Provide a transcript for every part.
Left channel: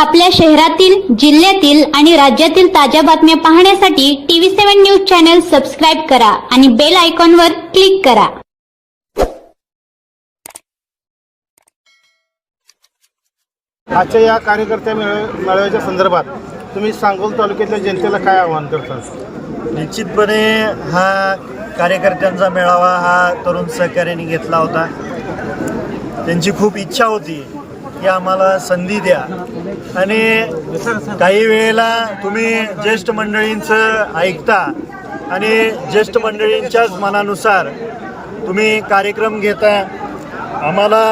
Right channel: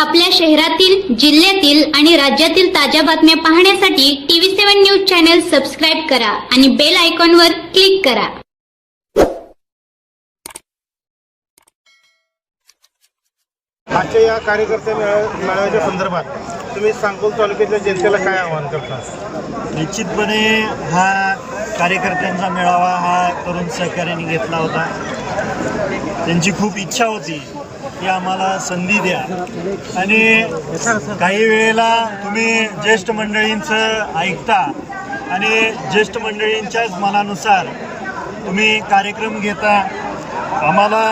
आपल्या शहरातील जिल्ह्यातील आणि राज्यातील ताज्या बातम्या पाहण्यासाठी TV seven news channel subscribe करा आणि बेल आयकॉनवर क्लिक करा. आजच्या या कार्यकर्त्या मेळा- मेळाव्याच्या संदर्भात तुम्ही सांगोल तालुक्यातल्या जनतेला काय आवाहन करता? निश्चितपणे हा कार्यकर्त्यांचा मेळावा हा तरुण सहकार्याने घेतला होता. त्यांची खूप इच्छा होती. की आम्हाला संधी द्या. आणि काही वेळेला तुम्ही ज्येष्ठ मंडळींचं ऐकता आणि ज्येष्ठ मंडळींच्याच मनानुसार तुम्ही कार्यक्रम घेता. आम्हाला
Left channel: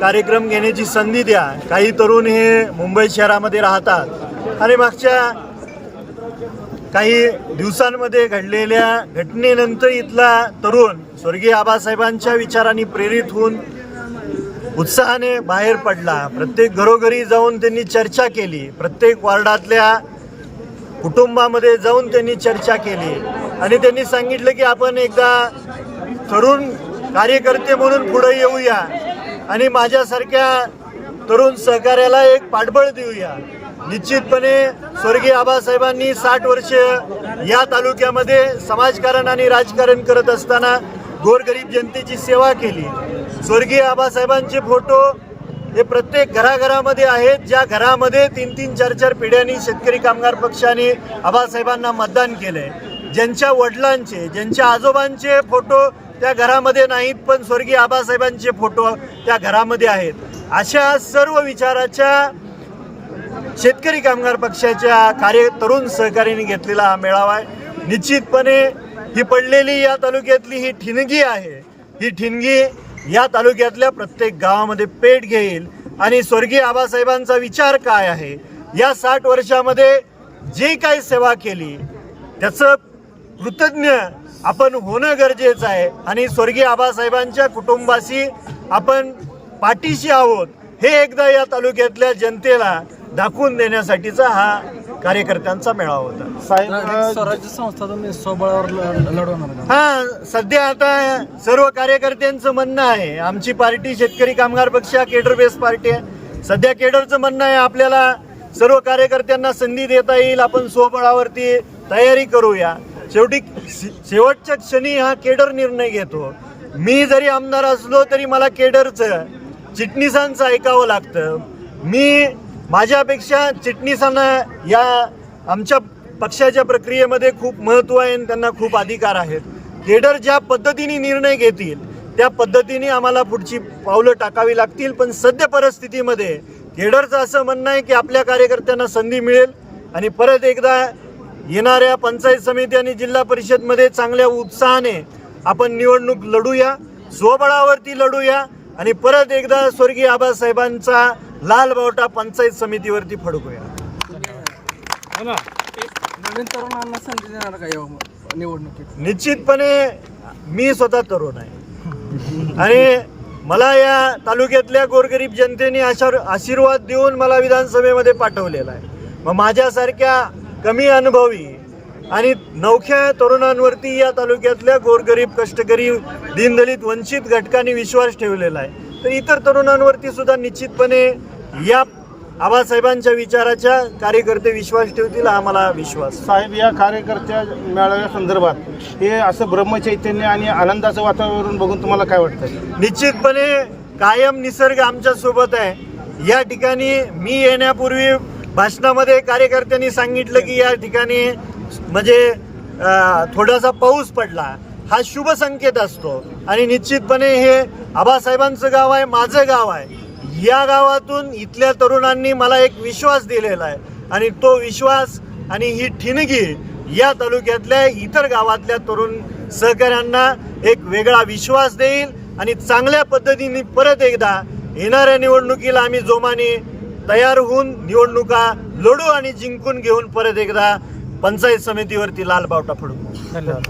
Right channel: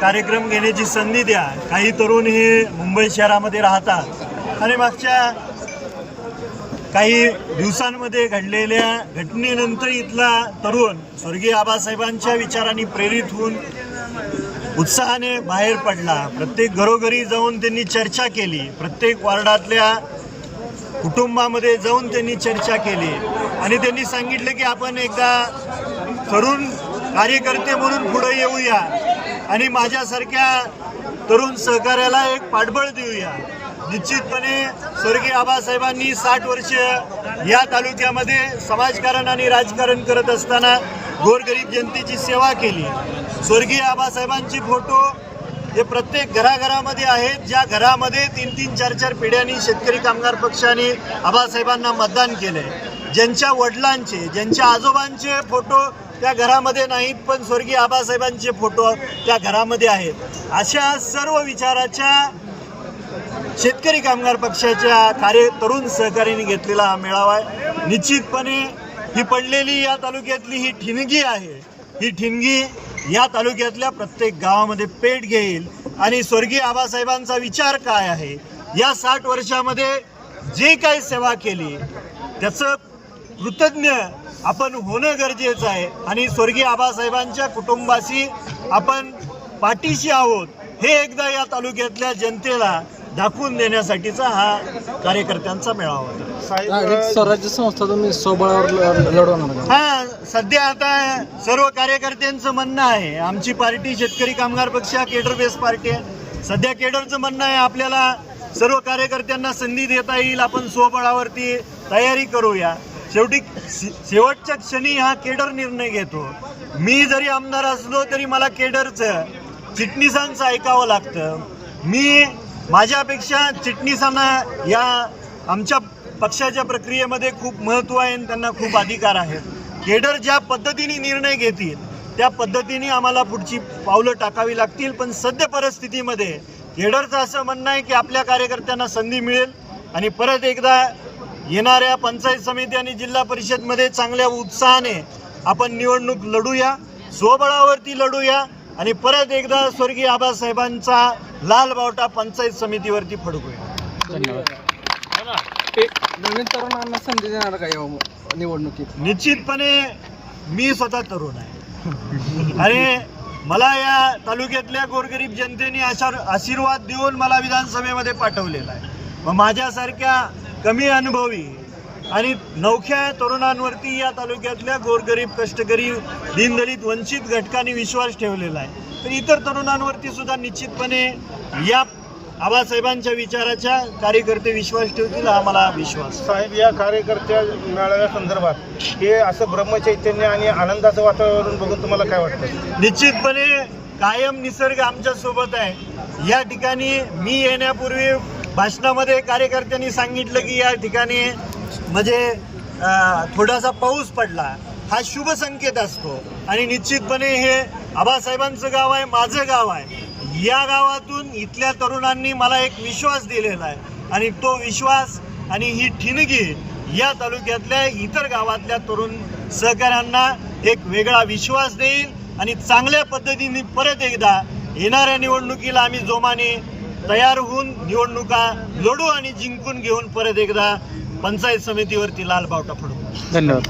कार्यक्रम घेण्याची संधी द्या. काही तरुण हे मुंबई शहरामध्ये राहतात. आणि मागच्या काही दिवसांमध्ये घडलेल्या घटनेनंतर इथला तरुण स्वर्गीय आबासाहेबांच्या विचारांनी प्रेरित होऊन उत्साहाने बाहेर पडला. प्रत्येक घरोघरी जाऊन त्यांनी चर्चा केली. प्रत्येक वार्डातल्या कुटुंबामध्ये जाऊन त्यांनी चर्चा केली. आणि त्यांनी सांगितलं की आपण एकदा तरुण कार्यकर्ते म्हणून पुढे येऊया. आणि माझ्यासारख्या तरुण सहकार्याला एक पाठबळ देऊया. निश्चितपणे स्वर्गीय आबासाहेबांनी साठ वर्ष या तालुक्यामध्ये समाजकारण आणि राजकारण करत असताना गोरगरीब जनतेची सेवा केली. स्वर्गीय आबासाहेबांचे फोटो हे प्रत्येक घराघरामध्ये आहेत. ज्या घरामध्ये तीन तीन चार चार पिढ्यांनी शेतकरी कामगार पक्षाने आबासाहेबांना मतदान केलंय. ज्यांच्या वडिलांचे ज्यांच्या आजोबांचे फोटो त्या घरामध्ये नाहीत पण स्वर्गीय आबासाहेबांचे फोटो त्या घरामध्ये आहेत. अशा सर्व विचाराच्या शेतकरी कामगार पक्षाच्या कार्य तरुण सहकार्याने घेतलेला हा मेळावा आहे. निश्चितपणे ही पडलेली या तालुक्यातली ही ठिणगी आहे. ही ठिणगी या तालुक्यातल्या प्रत्येक गावामध्ये पेट घेईल. आणि स्वर्गीय आबासाहेबांचा विचार काय आहे? या साठ वर्षामध्ये जी काही सेवा केली त्याचं कृतज्ञ आपण होणं गरजेचं आहे. आणि स्वर्गीय आबासाहेबांच्या कुटुंबाशी आपण पाठीशी आहोत. हे एकदा या तालुक्यातल्या जनतेला दाखवून देण्यासाठीचा हा कार्यकर्त्यांचा मेळावा होता. साहेब स्वराज्य संस्था तुम्ही स्वबळावर लढवणार? हा सध्या आता सर्व कार्यकर्त्यांचं म्हणणं आहे. आमची पार्टी शेतकरी कामगार पक्ष हा केडर बेस पार्टी आहे. सध्या केडरचं म्हणणं आहे आपल्याला सर्व कार्यकर्त्यांना संधी देता येईल आपण स्वबळावरती तयारी करूया. शेवटी शे- शेवटच्या क्षणी हा केडर निर्णय घेतो. मी जरी आमदार असलो तरी मला केडरचं चिटणीसांचं ऐकावं लागतं. मी माझ्यापेक्षा चिटणीसांना या आमच्या पक्षाच्या प्रक्रियेमध्ये खूप महत्त्व आहे आणि त्यांना खूप अधिकार आहेत. केडर ज्या पद्धतीने निर्णय घेतील त्या पद्धतीने आम्हाला पुढची पावलं टाकावी लागतील. पण सद्य परिस्थितीमध्ये केडरचं असं म्हणणं आहे की आपल्या कार्यकर्त्यांना संधी मिळेल आणि परत एकदा येणाऱ्या पंचायत समिती आणि जिल्हा परिषदमध्ये चांगल्या उत्साहाने आपण निवडणूक लढूया स्वबळावरती लढूया. आणि परत एकदा स्वर्गीय आबासाहेबांचा लाल बावटा पंचायत समितीवरती फडकूया. निश्चितपणे मी स्वतः तरुण आहे. आणि मला या तालुक्यातल्या गोरगरीब जनतेने आशा आशीर्वाद देऊन मला विधानसभेमध्ये पाठवलेला आहे. मग माझ्यासारख्या कमी अनुभवी आणि नवख्या तरुणांवरती या तालुक्यातल्या गोरगरीब कष्टकरी दीनदलित वंचित घटकांनी विश्वास ठेवलेला आहे. तर इतर तरुणांवरती सुद्धा निश्चितपणे या आबासाहेबांच्या विचाराच्या कार्यकर्ते विश्वास ठेवतील हा मला विश्वास. साहेब या कार्यकर्त्या मेळाव्या संदर्भात हे असं ब्रह्मचैतन्य आणि आनंदाचं वातावरण बघून तुम्हाला काय वाटतं? निश्चितपने कायम निसर्ग आमच्यासोबत आहे. या ठिकाणी मी येण्यापूर्वी भाषणामध्ये कार्यकर्त्यांनी सांगितलं की या ठिकाणी म्हणजे थोडासा पाऊस पडला हा शुभ संकेत असतो. आणि निश्चितपणे हे आबासाहेबांचं गाव आहे माझं गाव आहे. या गावातून इथल्या तरुणांनी मला एक विश्वास दिलेला आहे. आणि तो विश्वास आणि ही ठिणगी या तालुक्यातल्या इतर गावातल्या तरुण सहकाऱ्यांना एक वेगळा विश्वास देईल आणि चांगल्या पद्धतीने परत एकदा येणाऱ्या निवडणुकीला आम्ही जोमाने तयार होऊन निवडणुका लढू आणि जिंकून घेऊन परत एकदा पंचायत समितीवरती लाल बावटा फोडू. धन्यवाद.